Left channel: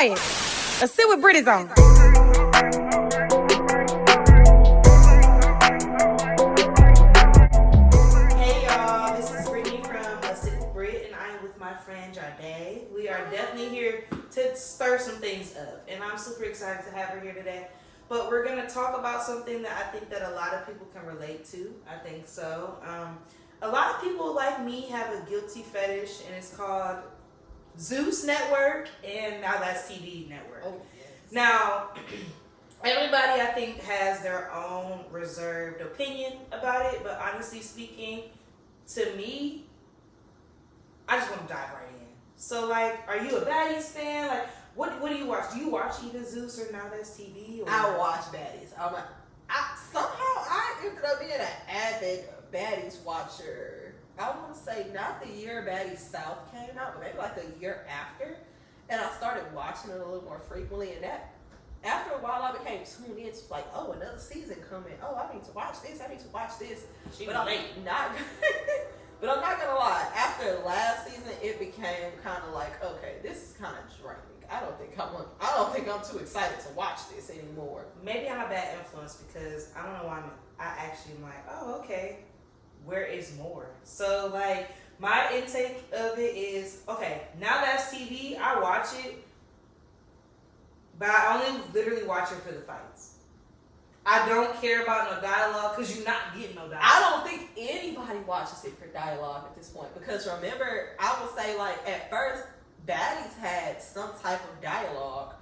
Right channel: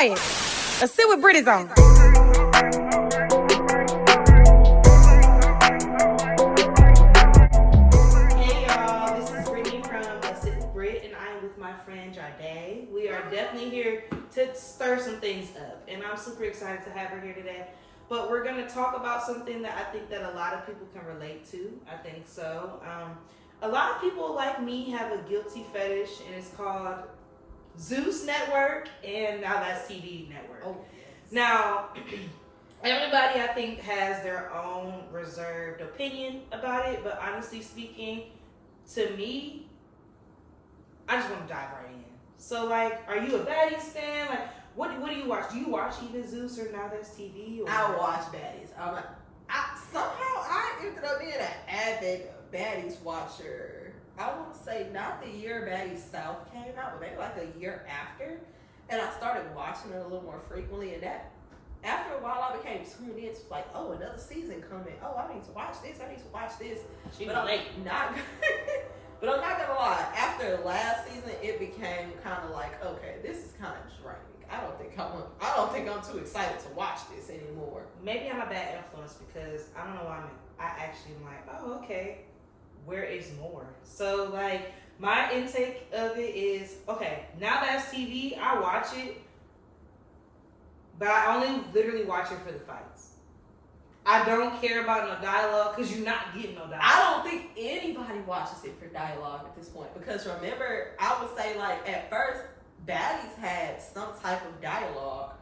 quiet. Let's sit with Britt is on. Hey y'all, this is Brittany from Sit with Britt, and I am with my friend Jharde. We are definitely here to stir some things up, and I'm super excited to have her here today. But we're gonna talk about something that I think that a lot of people can relate to. I think so. A lot of people like me have a guilty fetish, and it's called Zeus Network, and Now That's TV Network. Oh, yes. Now, everybody I think has their own reserved opinion about it, but honestly speaking, to me, I just want to dive right in. So, like, are you a Baddies fan? Like, what do you watch? Do you watch either Zeus or Now That's TV? Or? I watch Baddies. Somehow I ended up being an avid Baddies watcher. I want to say not the year Baddies South came out, but maybe like a year after. And I started watching it a little more frequently. And that, after a while, I became tuned in. It's like, oh, another season coming. Oh, I need to watch this. I need to watch this. But I'm not. But I'm not gonna lie. After last season, it became kind of like, okay, this is kind of draining. I don't think I'm too excited to watch this anymore. Maybe I'm a bad influence because I don't know why I actually am like, oh, okay, where is more? So, like, my intake of it is, okay, Now That's TV, I watch it, but I only literally watch it for the fights. I don't care about no dialogue because you're not getting no dialogue. I don't think anybody watches it for dialogue at this point because remember, I would say, like, at first, Baddies had some type of dialogue,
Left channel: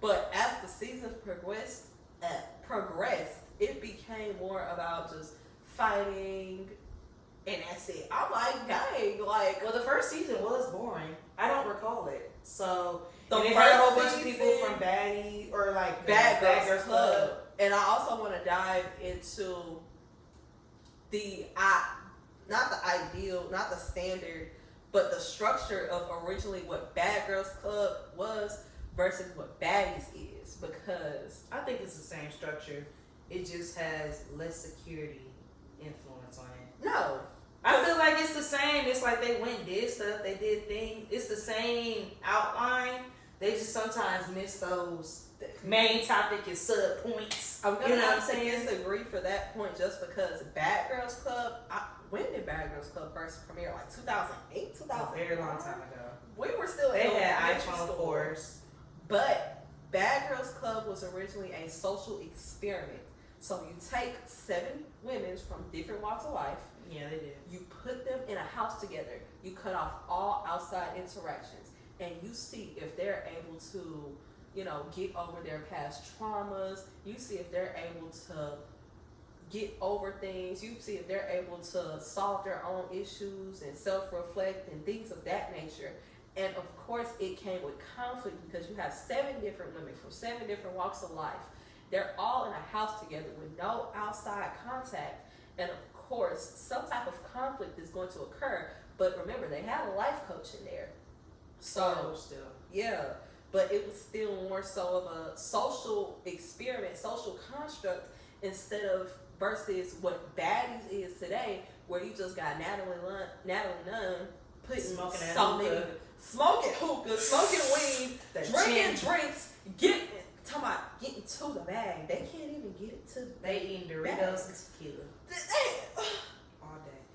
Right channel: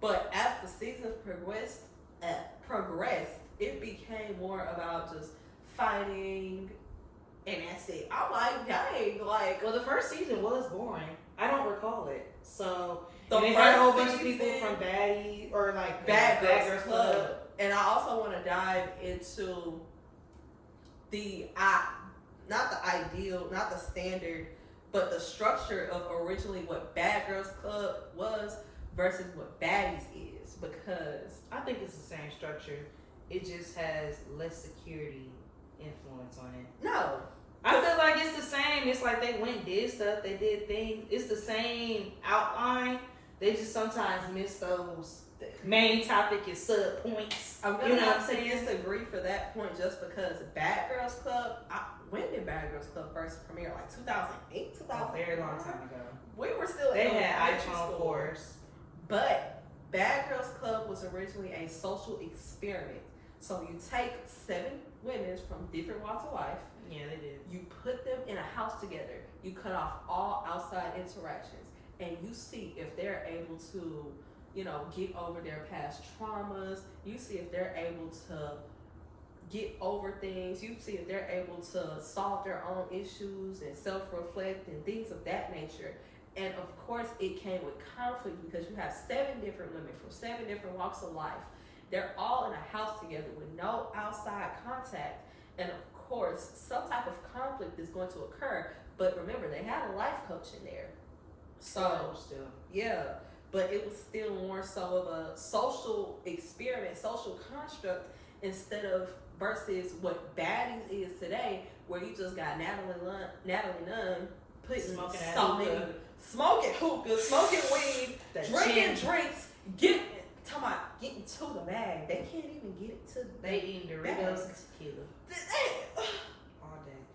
but as the seasons progressed, it became more about just fighting, and that's it. I'm like, dang, like. Well, the first season was boring. I don't recall it. So, And it had a whole bunch of people from Baddie or like Bad Girls Club. And I also want to dive into not the ideal, not the standard, but the structure of originally what Bad Girls Club was versus what Baddies is, because I think it's the same structure. It just has less security influence on it. No. I feel like it's the same. It's like they went and did stuff. They did things. It's the same outline. They just sometimes miss those main topic and sub points. I'm gonna have to disagree for that point just because Bad Girls Club. When did Bad Girls Club first premiere? Like 2008, 2009? A very long time ago. We were still. They had iPhone 4s. But Bad Girls Club was originally a social experiment. So you take 7 women from different walks of life. Yeah, they did. You put them in a house together. You cut off all outside interactions, and you see if they're able to, get over their past traumas. You see if they're able to get over things. You see if they're able to solve their own issues and self-reflect and things of that nature. And of course, it came with conflict because you have 7 different women from 7 different walks of life. They're all in a house together with no outside contact. And of course, some type of conflict is going to occur. But remember, they had a life coach in there. So, still. Yeah. But it was still more so of a social experiment, social construct, instead of versus what Baddies is today, where you just got Natalie Nunn putting smoking hookah, smoking weed, drinking drinks, getting to the bag. They can't even get it to the They eating Doritos and tequila.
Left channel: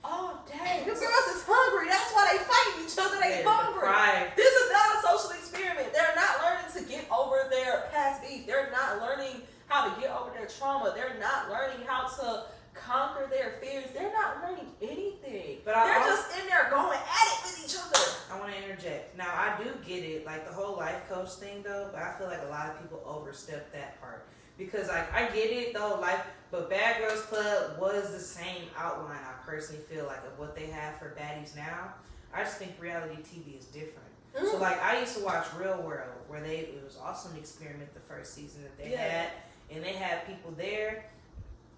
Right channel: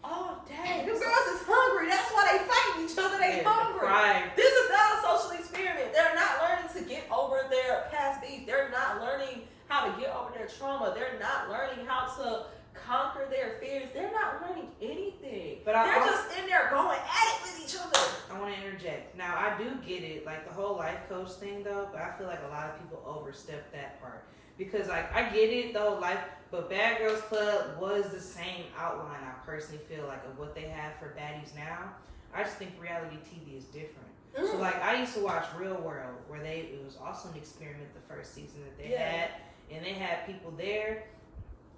All day. The girls is hungry. That's why they fighting each other. They hungry. Deprived. This is not a social experiment. They're not learning to get over their past beef. They're not learning how to get over their trauma. They're not learning how to conquer their fears. They're not learning anything. But they're just in there going at it with each other. I want to interject. Now, I do get it, like the whole life coach thing, though, but I feel like a lot of people overstep that part. Because, like, I get it, though, but Bad Girls Club was the same outline, I personally feel like, of what they have for Baddies now. I just think reality TV is different. Mm. So, like, I used to watch Real World, where it was also an experiment the first season that they had. And they had people there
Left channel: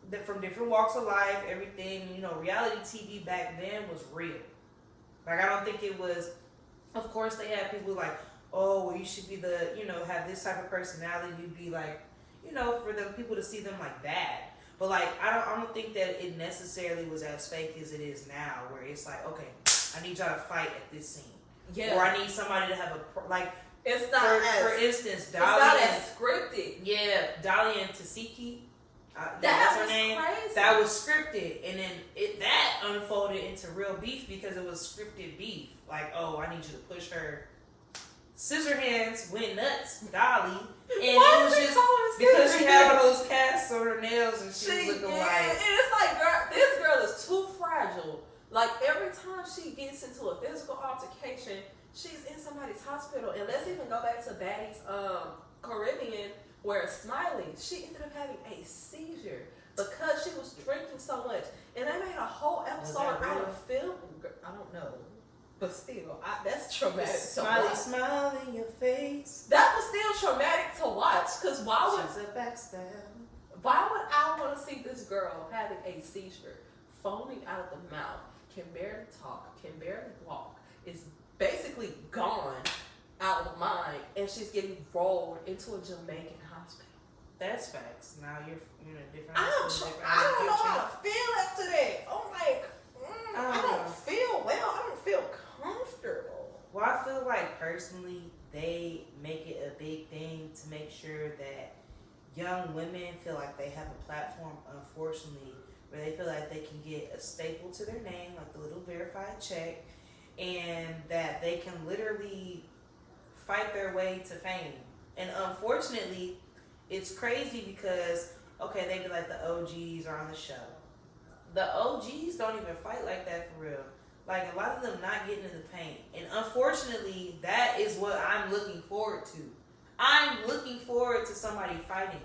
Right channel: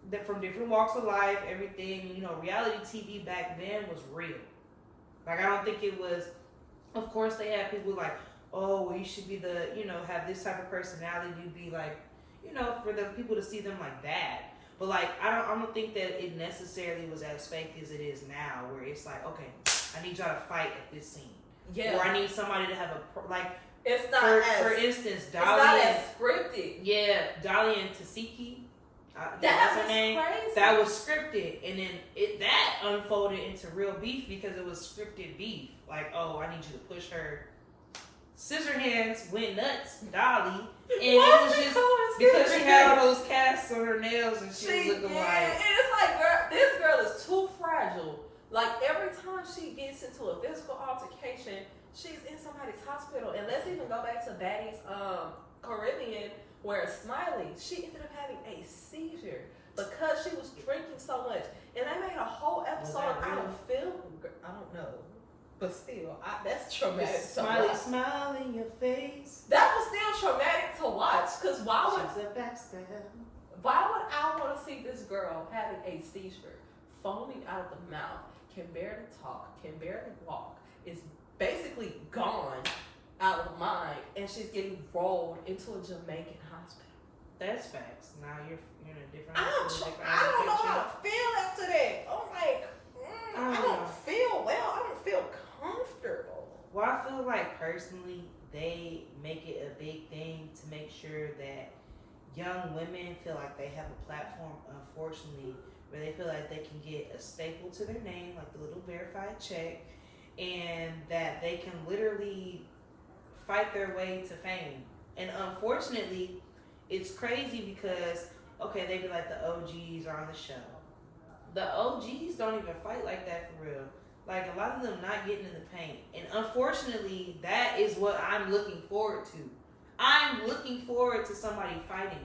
that from different walks of life, everything. Reality TV back then was real. Like, I don't think it was, of course, they had people like, oh, well, you should be have this type of personality. You'd be like, for the people to see them like that. But like, I don't think that it necessarily was as fake as it is now, where it's like, okay, I need y'all to fight at this scene. Yeah. Or I need somebody to have It's not for instance, it's Dolly not and, as scripted. yeah, Dolly and Tasiki. That That's her was name. crazy. That was scripted, and then that unfolded into real beef because it was scripted beef. Like, oh, I need you to push her. Scissorhands went nuts, Dolly, and it was just because she had all those casts on her nails and she was looking like. And it's like, girl, this girl is too fragile. Like every time she gets into a physical altercation, she's in somebody's hospital. And let's even go back to Baddie's Caribbean, where Smiley, she ended up having a seizure because she was drinking so much. And they made a whole episode out of film. I don't know. But still, that's traumatic to watch. Smile in your face. That was still traumatic to watch. Because why She's a backstab. would I want to see this girl having a seizure, foaming out of the mouth, can barely talk, can barely walk, is basically gone out of the mind, and she's getting rolled into a Jamaican hospital. That's facts. Now you're in a different I hospital, don't know how to feel after that. I'm like, I don't feel well. I don't feel comfortable. Well, I feel like personally, they make it a big thing to make sure that young women feel like they have a platform, unfortunately, where they feel like they can get a staple to their name, like the little verified check, and that they can literally fight their way to fame. And unfortunately, it's crazy because, okay, they be like the OGs are on the show. The OGs don't even fight like that for real. Like, a lot of them not getting in the paint. And unfortunately, that is what I'm looking forward to. I'm looking forward to somebody fighting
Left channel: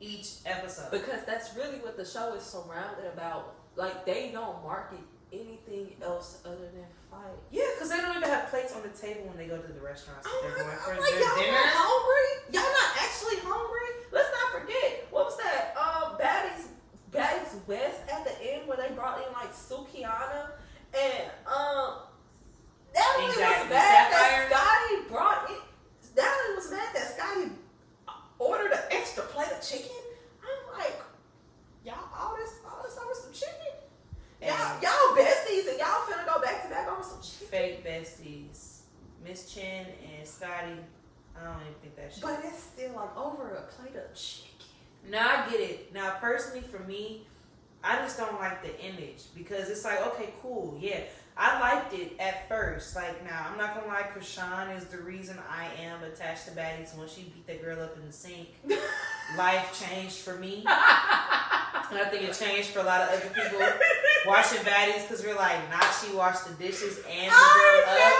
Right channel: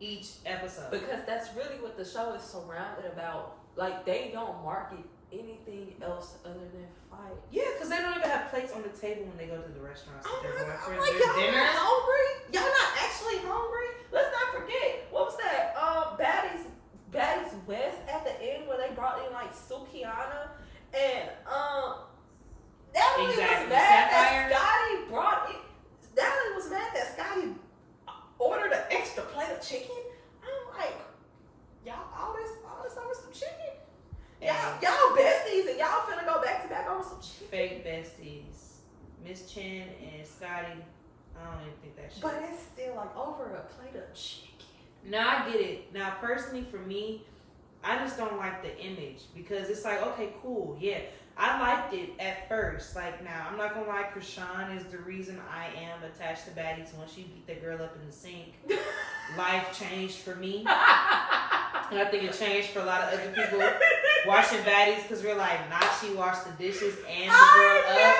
each episode. Because that's really what the show is surrounded about. Like, they don't market anything else other than fight. Yeah, because they don't even have plates on the table when they go to the restaurants. They're going for like, their y'all dinner. not hungry? Y'all not actually hungry? Let's not forget, what was that? Baddies West at the end where they brought in like Sukiana and that really was Exactly. bad Sapphire. that Scotty brought in. That really was mad that Scotty ordered an extra plate of chicken. I'm like, y'all all this over some chicken. Y'all besties and y'all finna go back to back over some chicken. Fake besties. Miss Chen and Scotty. I don't even think that shit. But it's still like over a plate of chicken. Now I get it. Now personally for me, I just don't like the image because it's like, okay, cool, yeah. I liked it at first. Like, now I'm not gonna lie, Krishan is the reason I am attached to Baddies. Once she beat that girl up in the sink, life changed for me. And I think it changed for a lot of other people watching Baddies because we're like, not she washed the dishes and the girl up.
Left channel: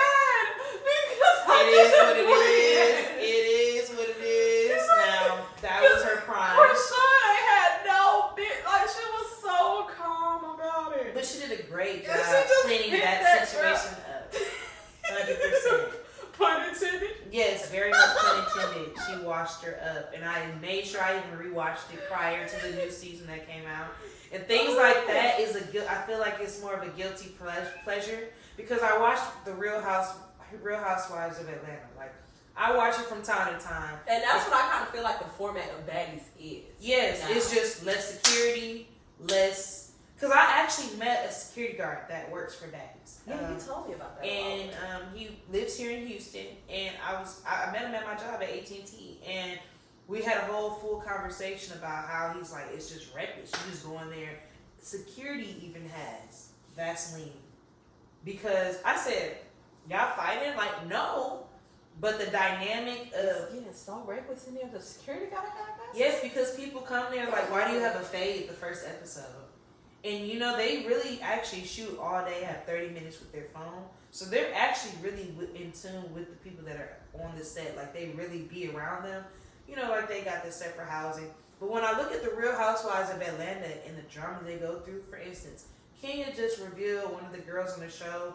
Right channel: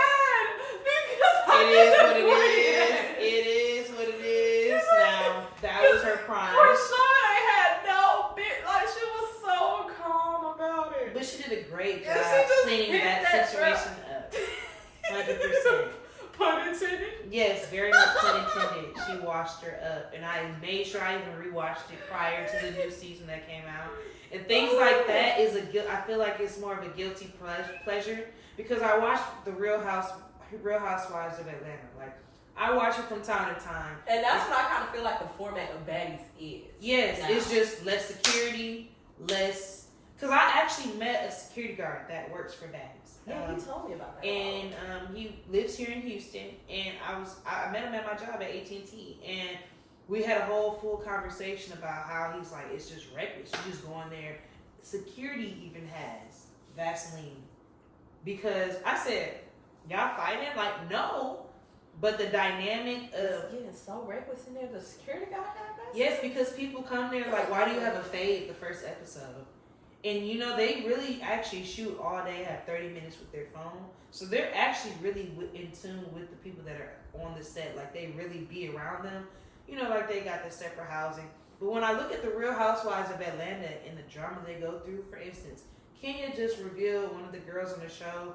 It is what it is. It is what it is. Now, that was her prime. Krishan had no bit, like she was so calm about it. But she did a great job And she just cleaning hit that that situation up. 100%. Pun intended. Yes, very much pun intended. She washed her up. And I made sure I even rewatched it prior to the new season that came out. And things like that is I feel like it's more of a guilty pleasure because I watched the Real Housewives of Atlanta. Like, I watch it from time to time. And that's what I kind of feel like the format of Baddies is. Yes, now. It's just less security, less... Because I actually met a security guard that works for Baddies. Yeah, you told me about that. And he lives here in Houston. And I met him at my job at AT&T. And we had a whole full conversation about how he's like, it's just reckless. You just go in there. Security even has Vaseline. Because I said, y'all fighting? Like, no. But the dynamic of... It's getting so reckless in there, the security gotta have that? Yes, because people come there like, why do you have a fade the first episode? And you know, they really actually shoot all day, have 30 minutes with their phone. So they're actually really in tune with the people that are on the set. Like, they really be around them. You know, like they got their separate housing. But when I look at the Real Housewives of Atlanta and the drama they go through, for instance, Kenya just revealed one of the girls on the show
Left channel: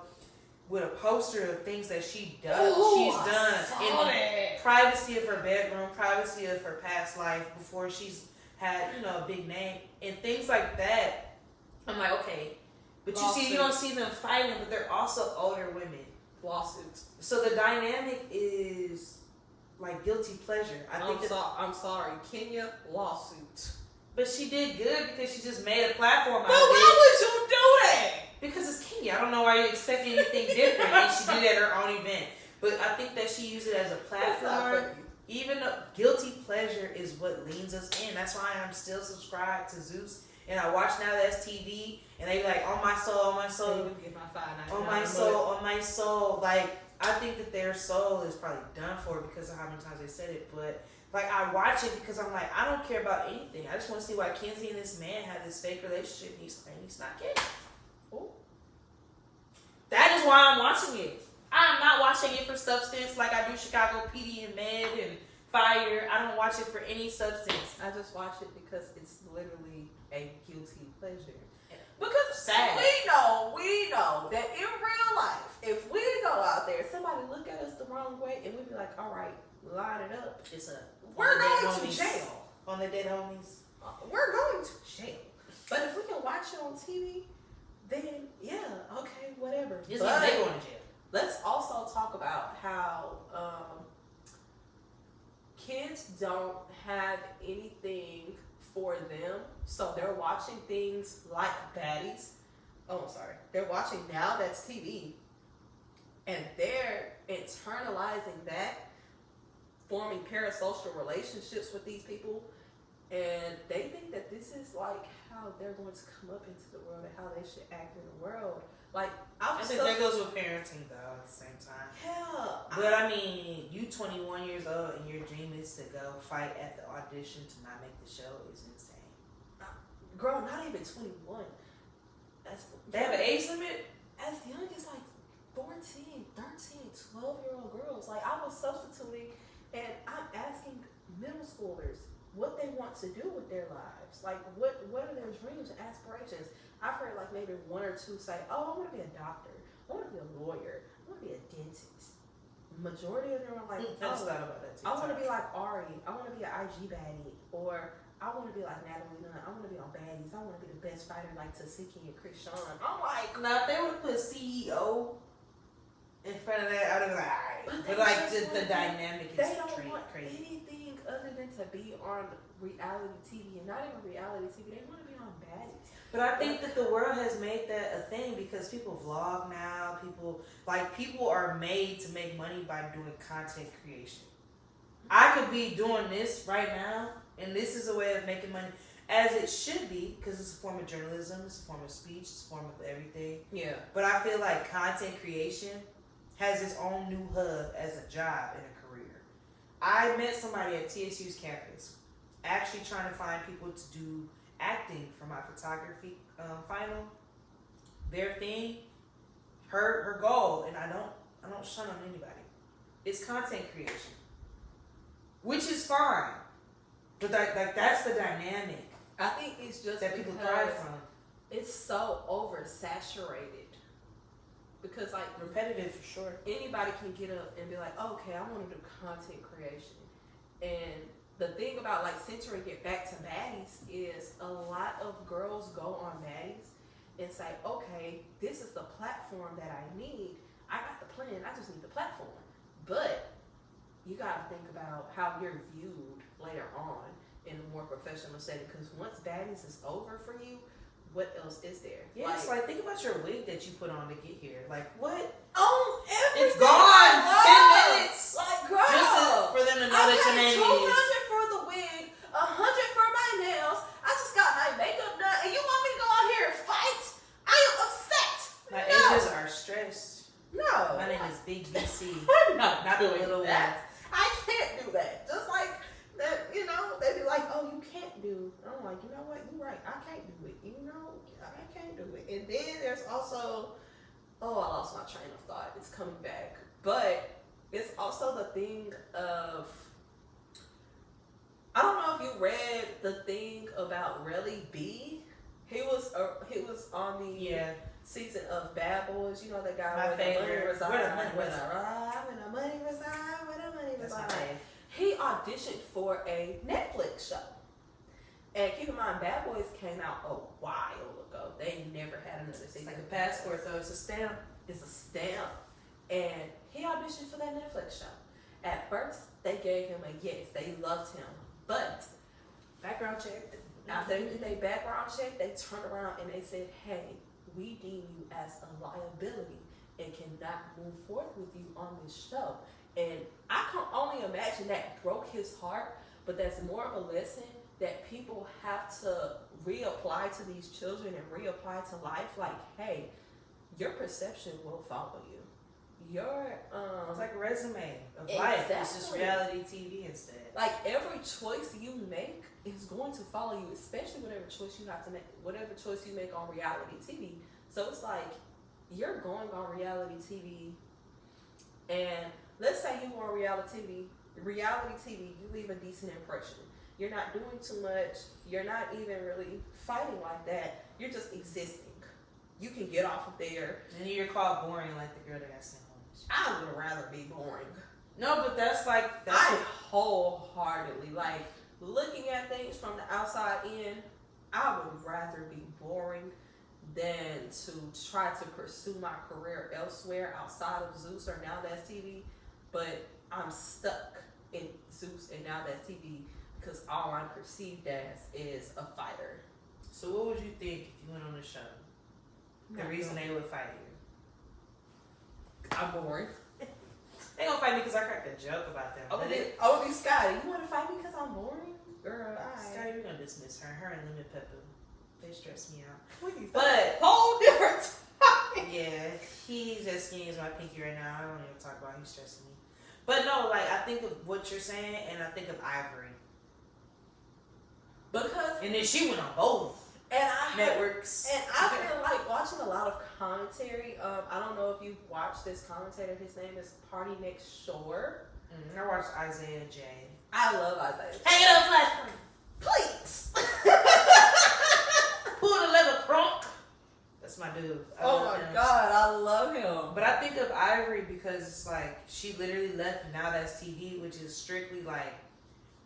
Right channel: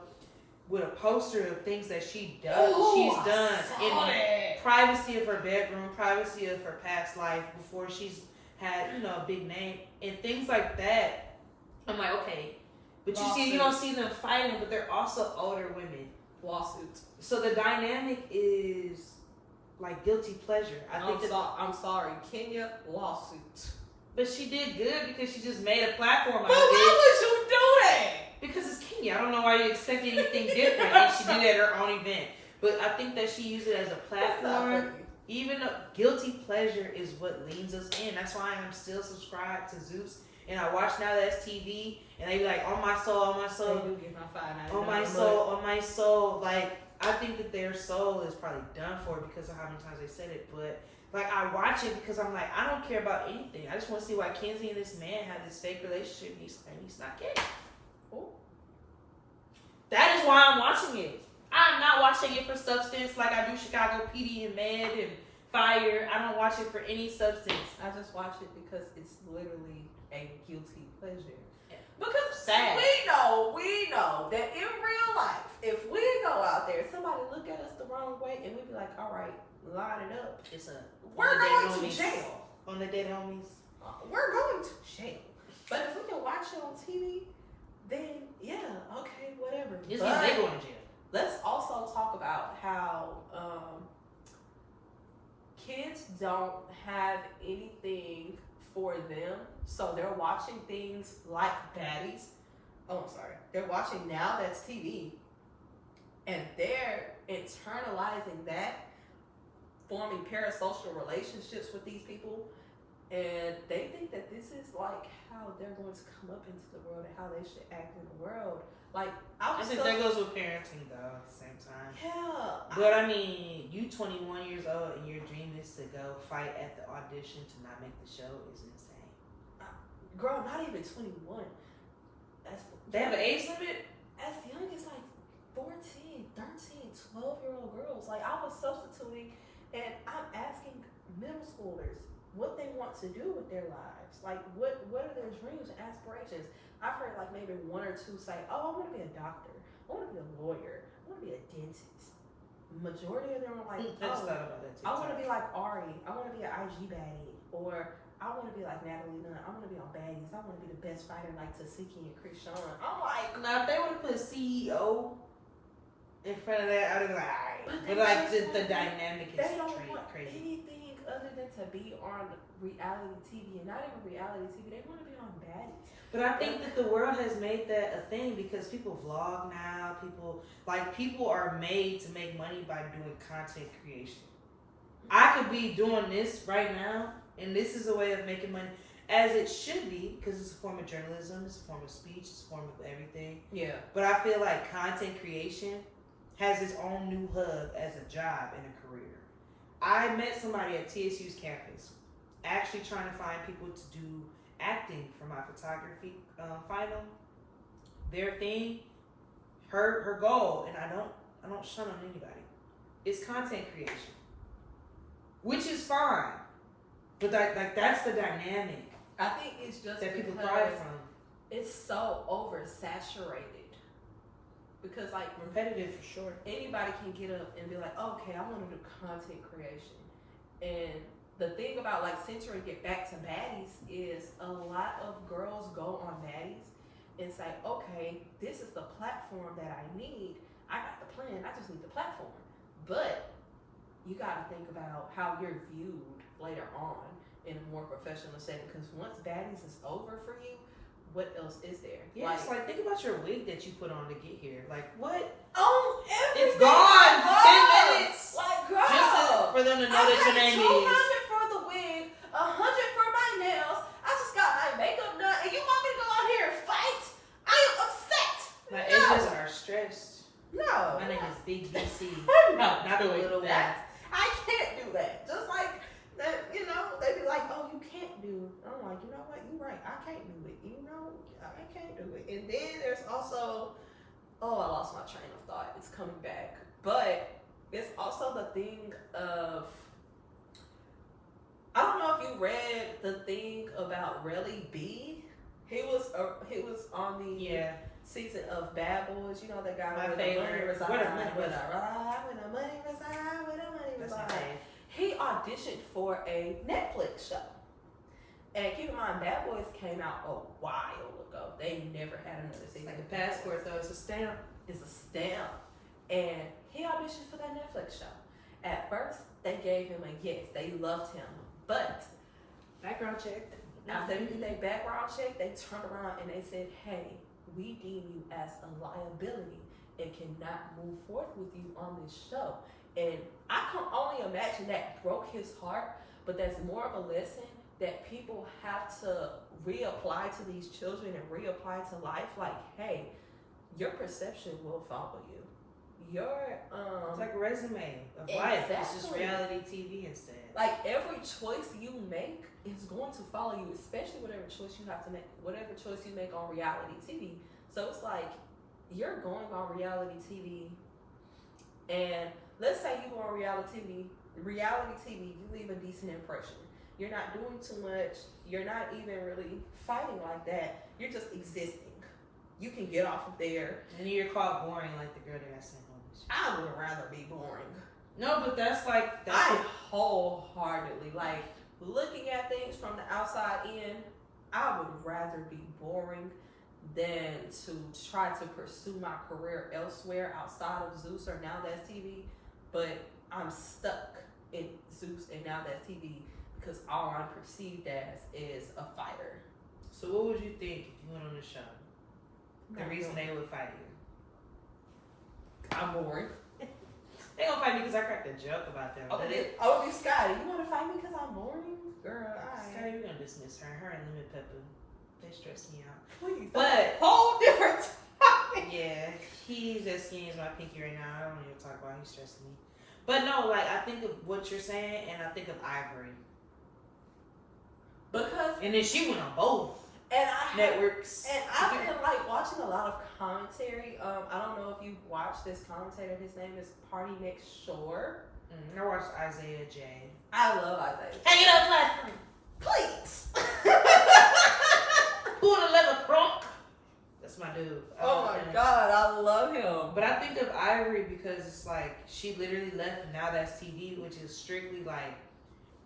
with a poster of things that she does. She's done in the privacy of her bedroom, privacy of her past life before she's had, you know, a big name and things like that. I'm like, okay, but you see, you don't see them fighting, but they're also older women. Lawsuits. So the dynamic is like guilty pleasure. I'm sorry, Kenya lawsuit. But she did good because she just made a platform out But of it. why would you do that? Because it's Kenya. I don't know why you expect anything different. And she did it at her own event. But I think that she used it as a That's not platform. funny. Even though guilty pleasure is what leans us in. That's why I'm still subscribed to Zeus. And I watch Now That's TV. And they be like, on my soul, They do get my $5.99 on my soul, on my soul. Like, I think that their soul is probably done for because of how many times they said it. But, like, I watch it because I'm like, I don't care about anything. I just want to see why Kenzie and this man had this fake relationship. And he's not gay. Ooh. That is why I'm watching it. I'm not watching it for substance like I do Chicago PD and Med and Fire. I don't watch it for any substance. I just watch it because it's literally a guilty pleasure. Yeah. Because Sad. we know that in real life, if we go out there, somebody look at us the wrong way, and we be like, all right, line it up. We're going to jail. On the dead homies. We're going to jail. But if we can watch it on TV, then yeah, okay, whatever. It's But they going to jail. let's also talk about how kids don't have anything for them, so they're watching things like Baddies. Oh, I'm sorry. They're watching Now That's TV, and they're internalizing that, forming parasocial relationships with these people, and they think that this is like how they're going to come up into the world and how they should act in the world. Like, I think that goes with parenting though at the same time. Yeah. But I mean, you 21 years old and your dream is to go fight at the audition to not make the show is insane. Girl, not even 21. They have an age limit? As young as like 14, 13, 12-year-old girls. Like, I was substituting and I'm asking middle schoolers what they want to do with their lives. Like, what are their dreams and aspirations? I've heard like maybe one or two say, oh, I want to be a doctor. I want to be a lawyer. I want to be a dentist. Majority of them are like, I just thought about that too. I want to be like Ari. I want to be an IG baddie. Or I want to be like Natalie Nunn. I want to be on Baddies. I want to be the best fighter like Tasiki and Krishan. I'm like, Now if they would have put CEO in front of that, I'd have been like, alright. But like the dynamic is they don't want crazy. anything other than to be on reality TV, and not even reality TV. They want to be on Baddies. But I think that the world has made that a thing because people vlog now. People are made to make money by doing content creation. I could be doing this right now, and this is a way of making money, as it should be, because it's a form of journalism, it's a form of speech, it's a form of everything. Yeah. But I feel like content creation has its own new hub as a job and a career. I met somebody at TSU's campus, actually trying to find people to do acting for my photography final. Their thing, her goal, and I don't shun on anybody. It's content creation, which is fine, but that's the dynamic I think it's just that people because thrive from. it's so oversaturated. Because like Repetitive for sure. anybody can get up and be like, okay, I want to do content creation. And the thing about like centering it back to Baddies is a lot of girls go on Baddies and say, okay, this is the platform that I need. I got the plan, I just need the platform. But you got to think about how you're viewed later on in a more professional setting, because once Baddies is over for you, what else is there? Yeah, it's like think about your wig that you put on to get here. Like what? Oh, It's gone. 10 minutes. Like, girl, Just for them to know that your name is. $200 for the wig, $100 for my nails. I just got my makeup done, and you want me to go out here and fight? I am upset. My No. edges are stressed. No. My name is Big BC. I'm not Not the doing little that. I can't do that. Just like that, they be like, oh, you can't do. I'm like, you know what? You're right. I can't do it. I can't do it. And then there's also, I lost my train of thought. It's coming back. But it's also the thing of, I don't know if you read the thing about Relly B. He was on the season of Bad Boys. You know that guy My where favorite. the money resides. Where the money Where resides. the money resides. Where the money That's my resides. fave. He auditioned for a Netflix show. And keep in mind, Bad Boys came out a while ago. They never had another season. It's like a of Bad passport Boys. though. It's a stamp. It's a stamp. And he auditioned for that Netflix show. At first, they gave him a yes. They loved him. But Background check. after they did their background check, they turned around and they said, hey, we deem you as a liability and cannot move forth with you on this show. And I can only imagine that broke his heart, but that's more of a lesson that people have to reapply to these children and reapply to life. Like, hey, your perception will follow you. Your it's like a resume of life. It's just reality TV instead. Like every choice you make is going to follow you, especially whatever choice you have to make, whatever choice you make on reality TV. So it's like you're going on reality TV, and let's say you go on reality TV, you leave a decent impression. You're not doing too much. You're not even really fighting like that. You're just existing. You can get off of there. And you're called boring like the girl that got sent home. I would rather be boring. No, but that's wholeheartedly, like, looking at things from the outside in, I would rather be boring than to try to pursue my career elsewhere outside of Zeus or Now That's TV. But I'm stuck in Zeus and Now That's TV because all I'm perceived as is a fighter. So what would you think if you went on the show? The reason they would fight you? I'm boring. They gonna fight me because I cracked a joke about them. I would be Scotty. You want to fight me because I'm boring? Girl, Scotty, we're gonna dismiss her. Her and Lemon Pepper. They stress me out. Please. But whole different topic. Yeah, he's as skinny as my pinky right now. I don't even talk about it. He's stressing me. But no, like, I think of what you're saying, and I think of Ivory. And then she went on both networks. And I've been like watching a lot of commentary. I don't know if you've watched this commentator. His name is Party Next Shore. I watched Isaiah J. I love Isaiah J. Hang it up, flash screen. Please. Pull the lever, crunk. That's my dude. Oh my God, I love him. But I think of Ivory because it's like she literally left Now That's TV, which is strictly like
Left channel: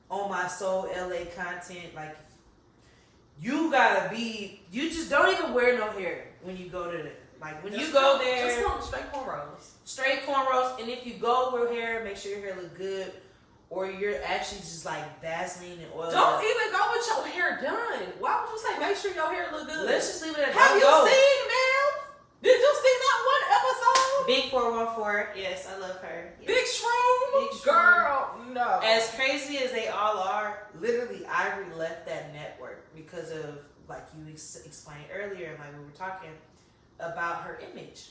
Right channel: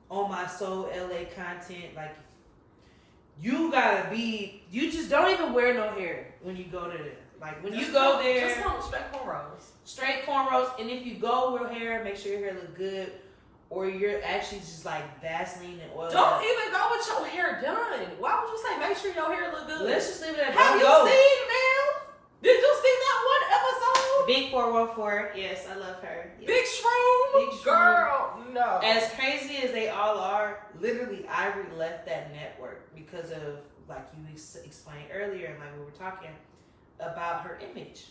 on my soul LA content. Like, you gotta be, you just don't even wear no hair when you go to, like, when you go there. Just come straight cornrows. Straight cornrows. And if you go with hair, make sure your hair look good. Or you're actually just like Vaseline and oil. Don't even go with your hair done. Why would you say make sure your hair look good? Let's just leave it at that. Have you seen, ma'am? Did you see that one episode? Big 414. Yes, I love her. Yes. Big Shroom? Big Shroom. Girl, no. As crazy as they all are, literally Ivory left that network because of, like you explained earlier, and like we were talking about her image.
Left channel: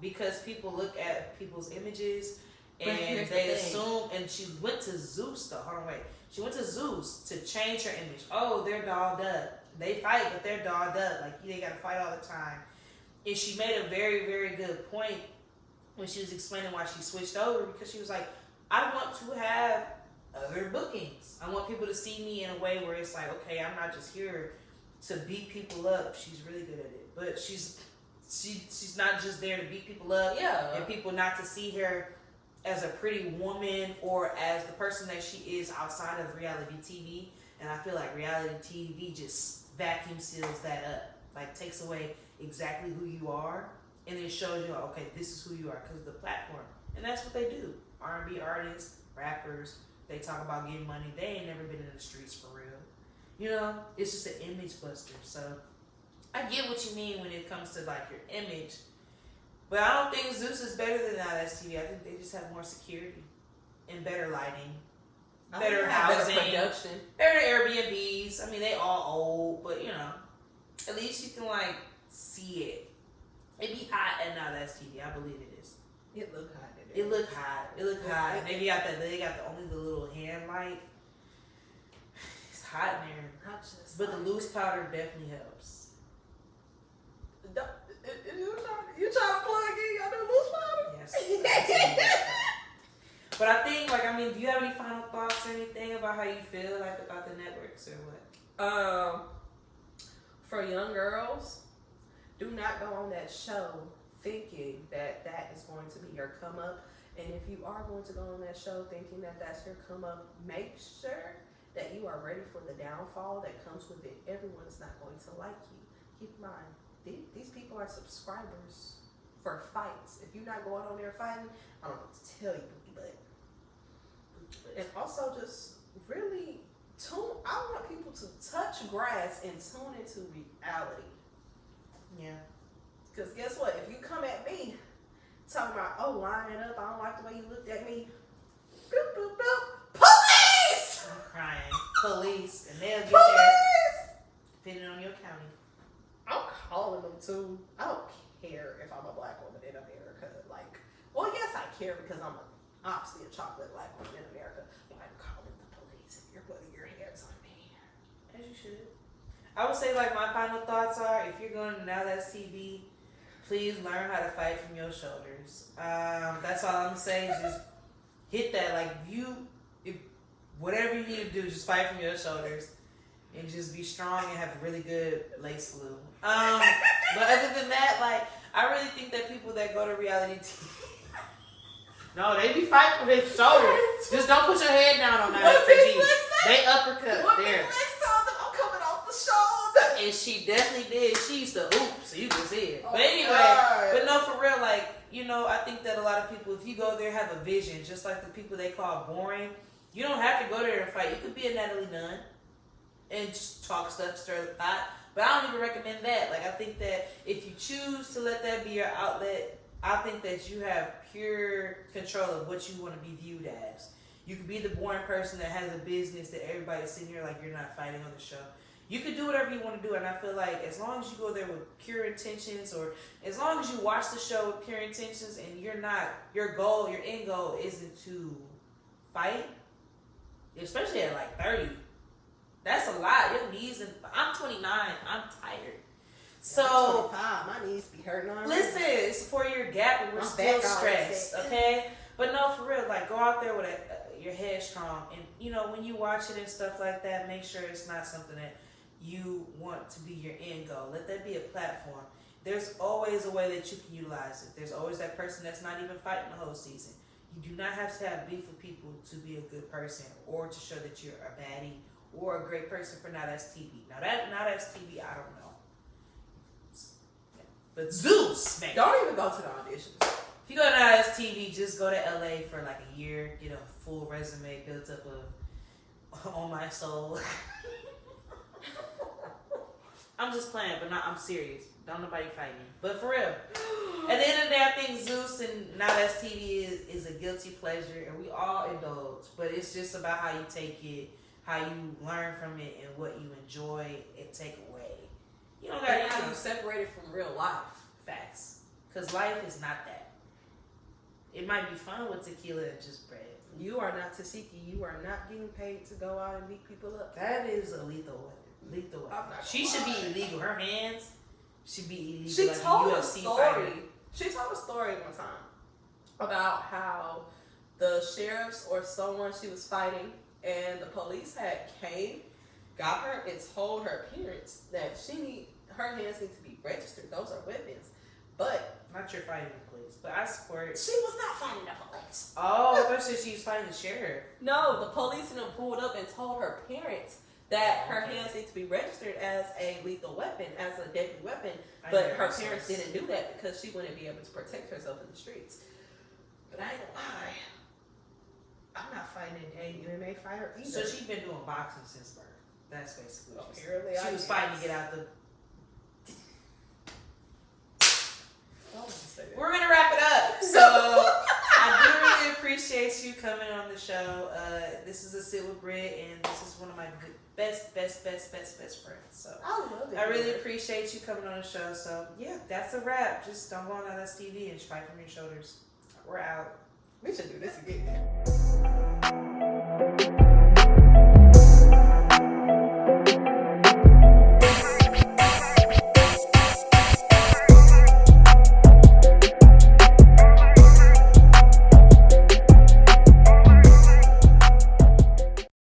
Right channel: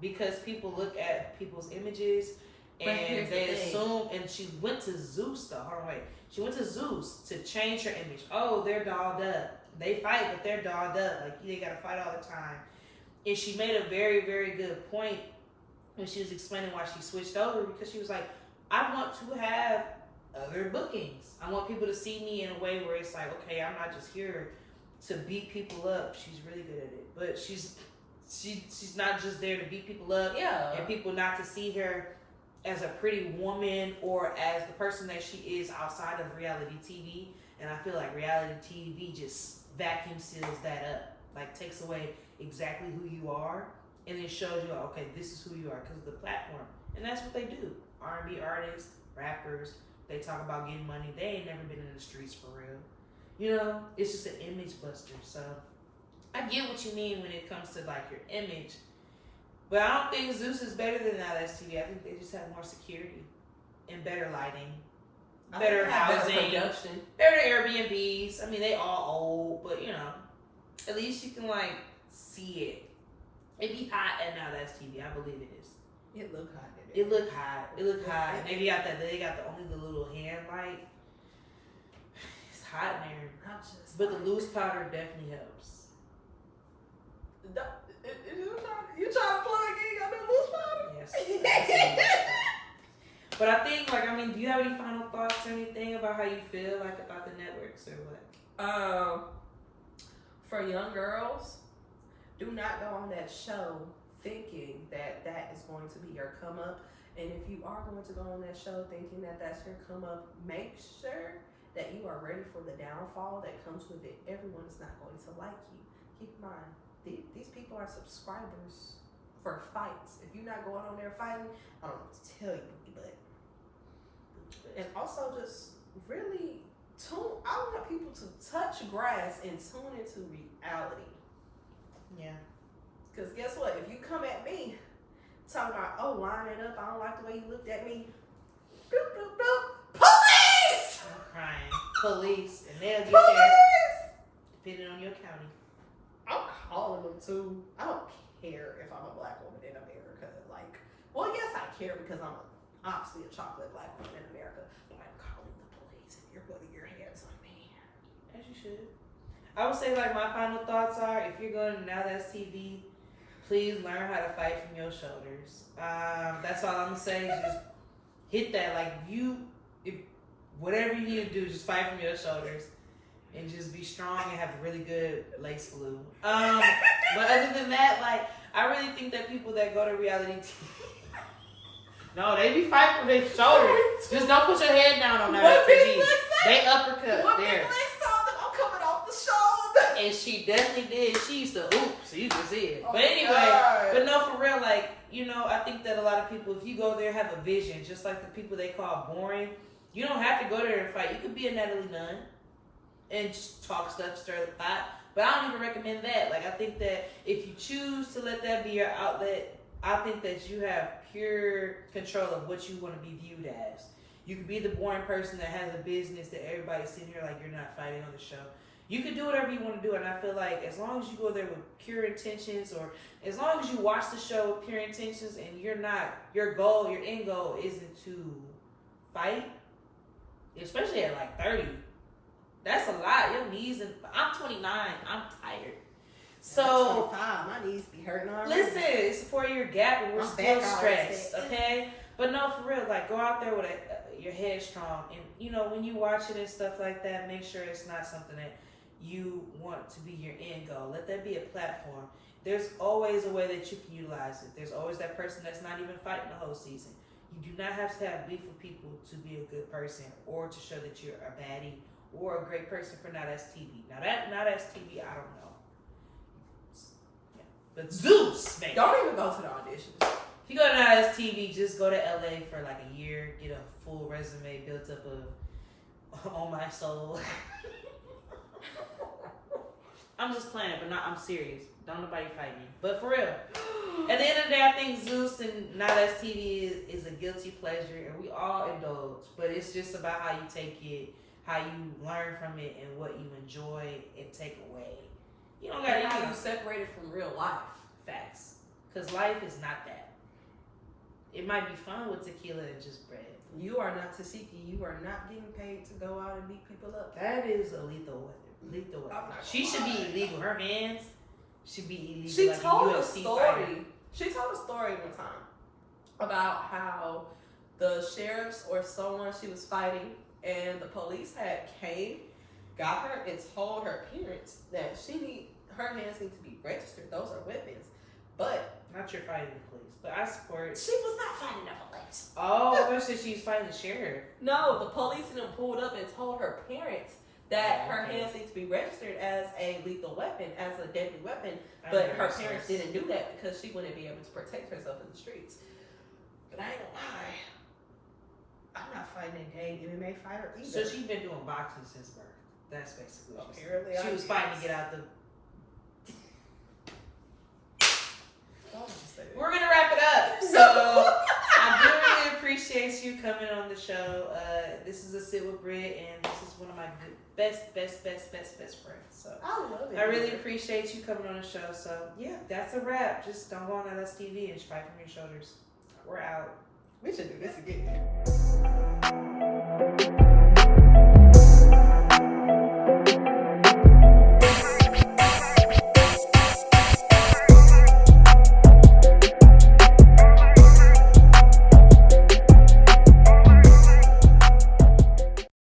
Because people look at people's images and they assume, and she went to Zeus though. Hold on, wait. She went to Zeus to change her image. Oh, they're dolled up. They fight, but they're dolled up. Like, they gotta fight all the time. And she made a very, very good point when she was explaining why she switched over, because she was like, I want to have other bookings. I want people to see me in a way where it's like, okay, I'm not just here to beat people up. She's really good at it, but she's not just there to beat people up. Yeah. And people not to see her as a pretty woman or as the person that she is outside of reality TV. And I feel like reality TV just vacuum seals that up, like takes away exactly who you are, and it shows you, okay, this is who you are because of the platform. And that's what they do. R&B artists, rappers, they talk about getting money. They ain't never been in the streets for real. You know, it's just an image buster. So I get what you mean when it comes to like your image, but I don't think Zeus is better than Now That's TV. I think they just have more security and better lighting, better housing, better production, better Airbnbs. I mean, they all old, but you know, at least you can like see it. It be hot at Now That's TV. I believe it is. It look hot. It look hot. It look hot. They got that. They got the little hand light. It's hot in there. But the loose powder definitely helps. You trying to plug in your new loose powder? Yes. But I think, like, I mean, do you have any final thoughts or anything about how you feel like about the networks or what? For young girls, do not go on that show thinking that that is going to be your come up. And if you are going to go on that show thinking that that's your come up, make sure that you are ready for the downfall that comes with it. Everyone is not going to like you. Keep in mind, these people are subscribers for fights. If you're not going on there fighting, I don't know what to tell you, but. And also just really I want people to touch grass and tune into reality. Yeah. Because guess what? If you come at me Talking about, oh, line it up. I don't like the way you looked at me. Boop, boop, boop. Police! I'm crying. Police. And they'll get Police! there depending on your county. I'm calling them too. I don't care if I'm a black woman in America. Like, well, yes, I care because I'm obviously a chocolate black woman in America. But I'm calling the police if you're putting your hands on me. As you should. I would say, like, my final thoughts are, if you're going to Now That's TV, please learn how to fight from your shoulders. That's all I'm going to say. Just hit that. Like, if whatever you need to do, just fight from your shoulders. And just be strong and have a really good lace glue. But other than that, like, I really think that people that go to reality TV, no, they be fighting from their shoulders. Just don't put your head down on that TV. They uppercut What there. Big Lex told them, I'm coming off the shoulder. And she definitely did. She used to hoop, so you can see it. Oh, but anyway, God. but no, for real, like, you know, I think that a lot of people, if you go there, have a vision, just like the people they call boring. You don't have to go there and fight. You could be a Natalie Nunn and just talk stuff, stir the pot. But I don't even recommend that. Like, I think that if you choose to let that be your outlet, I think that you have pure control of what you want to be viewed as. You could be the boring person that has a business that everybody's sitting here like you're not fighting on the show. You could do whatever you want to do, and I feel like as long as you go there with pure intentions, or as long as you watch the show with pure intentions, and you're not, your end goal isn't to fight, especially at like 30. That's a lot. Your knees, and I'm 29. I'm tired. So, 25. My knees be hurting already. listen, it's a 4-year gap, and we're I'm still back already. stressed, okay? But no, for real, like, go out there with your head strong. And, you know, when you watch it and stuff like that, make sure it's not something that you want to be your end goal. Let that be a platform. There's always a way that you can utilize it. There's always that person that's not even fighting the whole season. You do not have to have beef with people to be a good person or to show that you're a baddie or a great person for Now That's TV. Now That's TV, I don't know. Yeah. But Zeus, man. Don't even go to the auditions. If you go to Now That's TV, just go to LA for like a year, get a full resume built up of On My Soul. I'm just playing, but I'm serious. Don't nobody fight me. But for real, at the end of the day, I think Zeus and Now That's TV is a guilty pleasure, and we all indulge. But it's just about how you take it, how you learn from it, and what you enjoy and take away. You don't got How to you separate it from real life. facts, because life is not that. It might be fun with tequila and just bread. You are not Tasiki. You are not getting paid to go out and beat people up. That is a lethal weapon. Lethal weapon. I'm not She gonna should be lie. illegal. Her hands should be illegal. She like told a UFC story. fighter. She told a story one time about how the sheriffs or someone she was fighting, and the police had came, got her, and told her parents that her hands need to be registered. Those are weapons. But Not your fighting the police, but I support. she was not fighting the police. Oh, I thought she was fighting the sheriff. No, the police and them pulled up and told her parents that Oh, her okay. hands need to be registered as a lethal weapon, as a deadly weapon. I But never her saw parents this. didn't do that because she wouldn't be able to protect herself in the streets. But I ain't gonna lie, I'm not fighting a dang MMA fighter either. So she's been doing boxing since birth. That's basically what she Apparently, said. She I was fighting guess. to get out the. I don't want to say that. We're gonna wrap it up. So I do really appreciate you coming on the show. This is a sit with Britt, and this is one of my best friends. So I love it. I really here. appreciate you coming on the show. So yeah, that's a wrap. Just don't go on Now That's TV and fight from your shoulders. We're out. We should do this again.